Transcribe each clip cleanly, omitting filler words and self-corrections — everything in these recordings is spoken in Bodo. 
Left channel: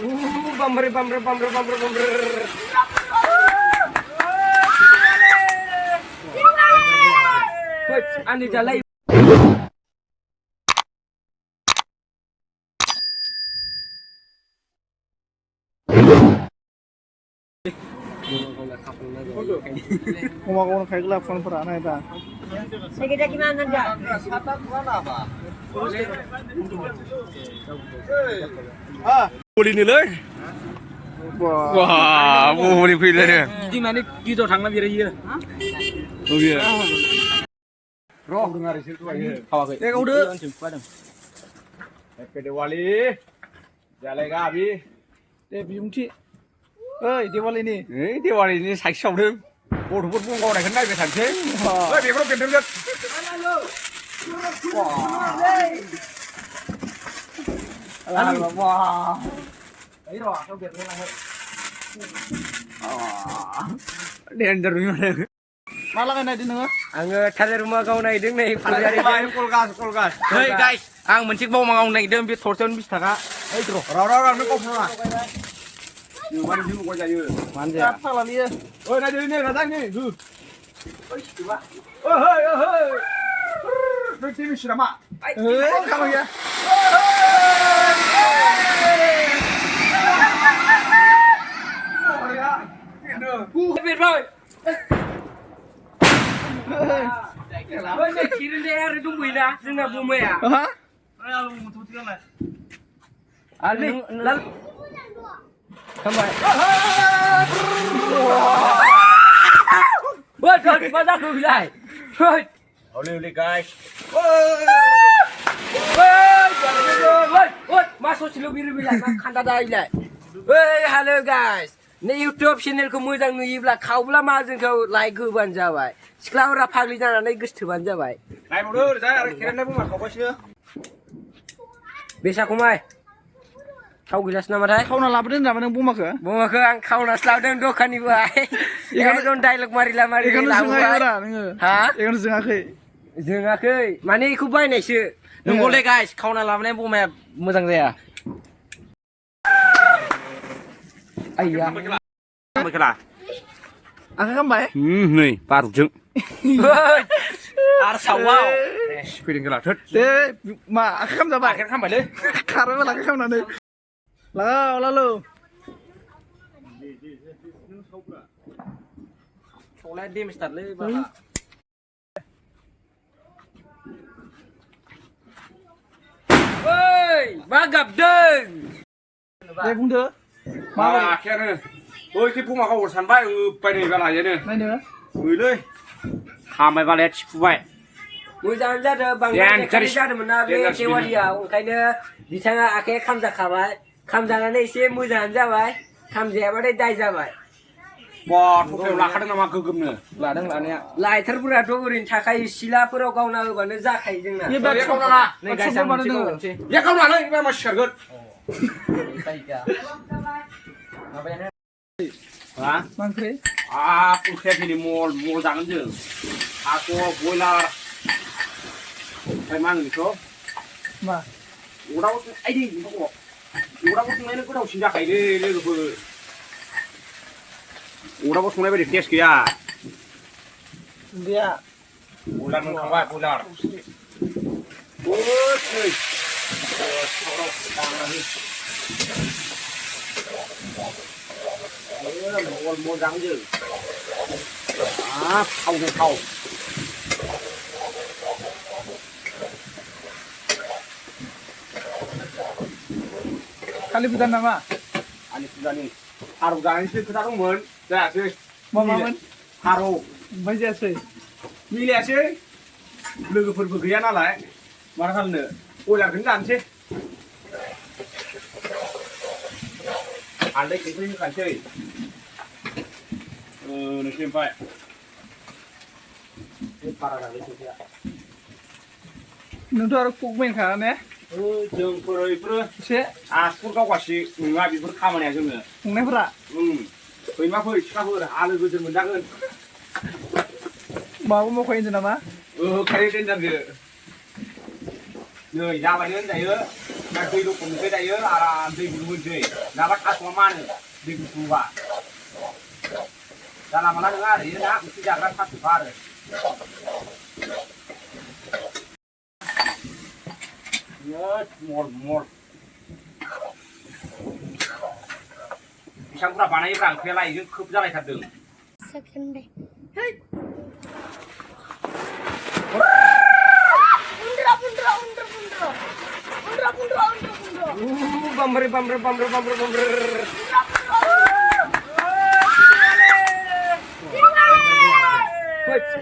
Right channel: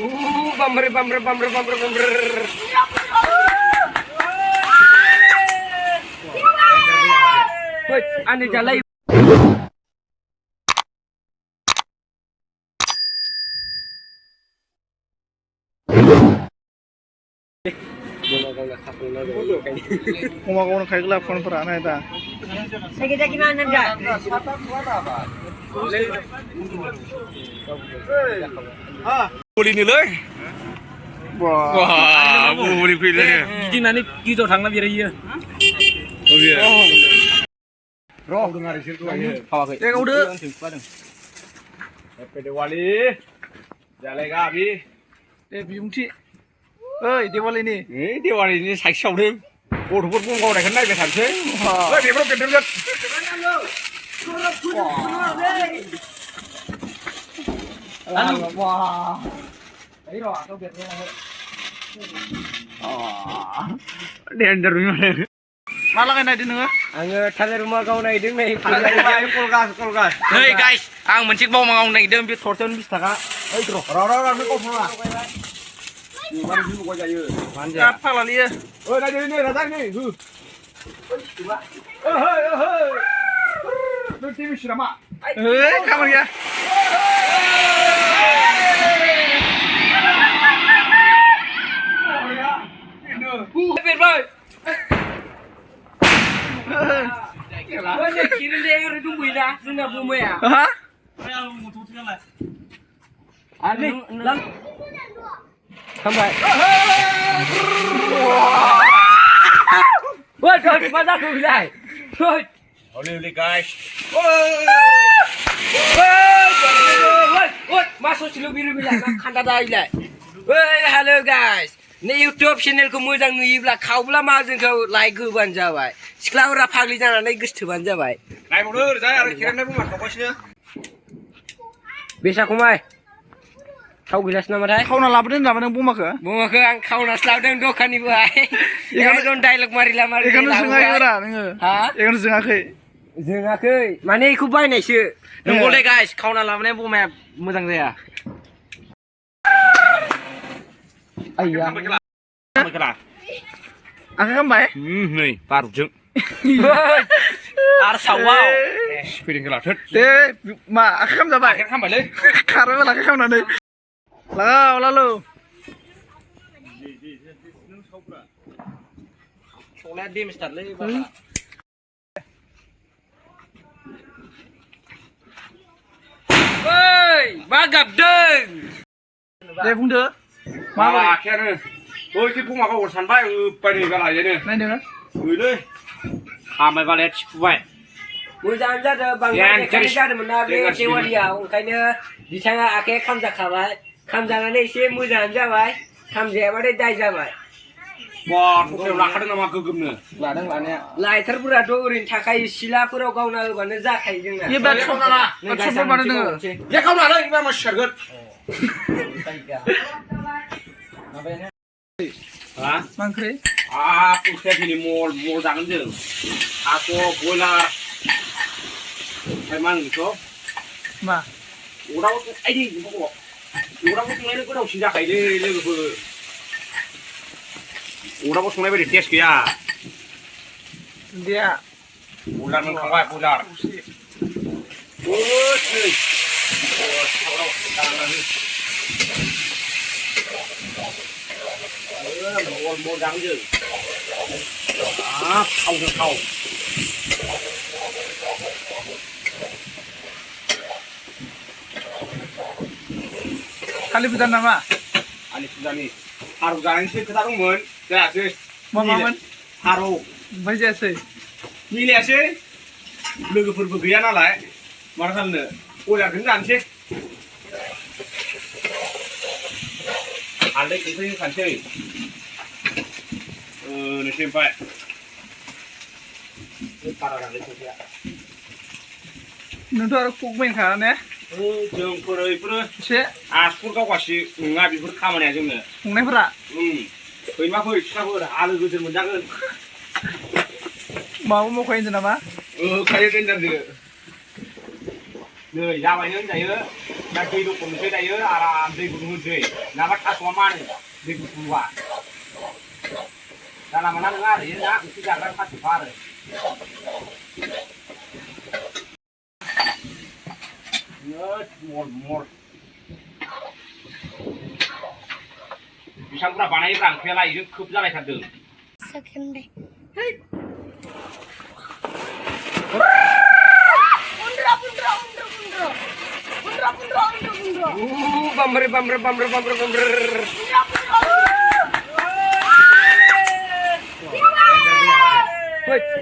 Bumper. Wait, ane jalan. Kuma kau nak kaya gelap phone per anak itu. Kita gimana dah? Boleh ni leh. Wah. Wah, boleh pilih ni. Jadi nanti kita thang nak biar iya. Oh ya. Eh kau dah. Happy Diwali. Jalan kami. Eh biungci. Eh Diwali ni. Diwali ni saya show dulu. Oh, tu pun kau dah kenal ke tak sih? Oh, dia pun kenal kan. Wah. Ayo, kau biar ni lah. Dia under ni. Malah kena di nengah. Angga thada rumah kau naik deng naik. Kolgas. Hey guys, ang mencik bau mangong naik dem bit thorson bis taka. Eh, tu. Rau ni kau pernah. Ni mana sih kau jaya? Apa lah dia? Oh, naik ni, naik ni. Hei. Nanti mesti ramah. Eh kamu ya. Biar boy. Banyak kirim dia yang redung buina, senang bumi ya. Hah? Ani, lalu. Sampai. Woi, mana aku bilang? Woi. Boleh guys. Woi, masuk silu biru bilang, kanda dah ilai. Woi, hello guys. Ni YouTube channel ko मोजां नुयोब्ला खावब्ला मा जोंखौ लाइक होबानो जाबाय सिख्लाफोरा फाग्लि जानानै गोसथोबानो जाबाय नायबावदो जा आरो खेरायनाय बुमा खावगासिनो बेसा खमाय थाव गिलास नामाथाय Kau nak lapar ni nama neng bumak ke? बुङाखो आं खावनासो लाबोदों दखाननिफ्राय एकदम डायलग मारिला Ikan tu sengaja orang nengah. हा Ikan tu sengaja. जोङाखै माने इखौ बायनायसो नंगौलै गाइस खावना लाबोनाय बमाया मोजां जाया आइया Mereka. Angkat kan baik? Ni parujung. आरो सावाव Piring kelatut. Eh, ma, angkat kan dah baik. आखेर खामबायलै Karena malah angkat kan nanti. Lalu. सौलाया डेमेज थारलै बा ओइ मा गाबदों Deh bunda. Malah akhirnya. Oh, itu pun makau urusan baik. Pai ni bela je ni. Main dia. Boleh. Kamai balik cipu baik. मोजां जादों बांद्राय देखायनाय जादोंमोन ना बे देवालियाव ओंखायनो बिथाङा आखाइया खामजाखाबाय खामजानानै एसे मोजाङानो जाबाय खामजायाबाथाय दाय जाबाय Wah, kau lakar nama gegumnya. लादों लानाया लाइटारफोराथ' ओरैनो थाखायो सिलाफोराव गावना होबानो जाखायो जोंना Iya berat kau nak. Kau coba mana dengar? Ya kau nak ini masih sergut. माबायानो Hah? Mangkri. Aku kayak gini mall jangan je. Aku boiler. Emang gitu. Ma. Udah waktu ini kok. Udah waktu ini kau dah sudah kayak ini tu. Udah waktu ini tes ya. Dia. Ular ni kau ular. Oh, sih. Mall jangan je. Kau. Kali bukan nama. Ani sudah ni. Haru jangan sih kita dong Dah sih. Mama. Haru. Baca sih. Milih sih. लोगोफोरबो गैया नालाय मा खालामनो बयलारखौनो जानोसै हालदै संख्रि होखानोसै नोंसोर ओमफ्राय बारा जालै संख्रिया नोंथ' आरो कुक मेनखा ने जोंफोर बेफोरो एसे आसुर गावगासि नङा बेफोर खामानिया जोंनो संनायफोरा फैमा फै सिख्लाफोर आलो गोजोन मोनजागोन माबा मावखायो होनदों नामा खायो दोनजादो नै जाबायनो होनजायो दा दै दख'नोसै दायो आराम दै गुदुं होनोसै नङाबा थास'आ मानो दै गुदुंबा जानला मोनला नङा आरो ना ओंख्रि जाग्रा थास'खा आरो मर बेसेबां बुरजा बानायोब्रा ओंख्रियालाय इजों खोब जालायथारदों Bamber.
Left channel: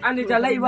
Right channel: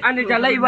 Ane jalai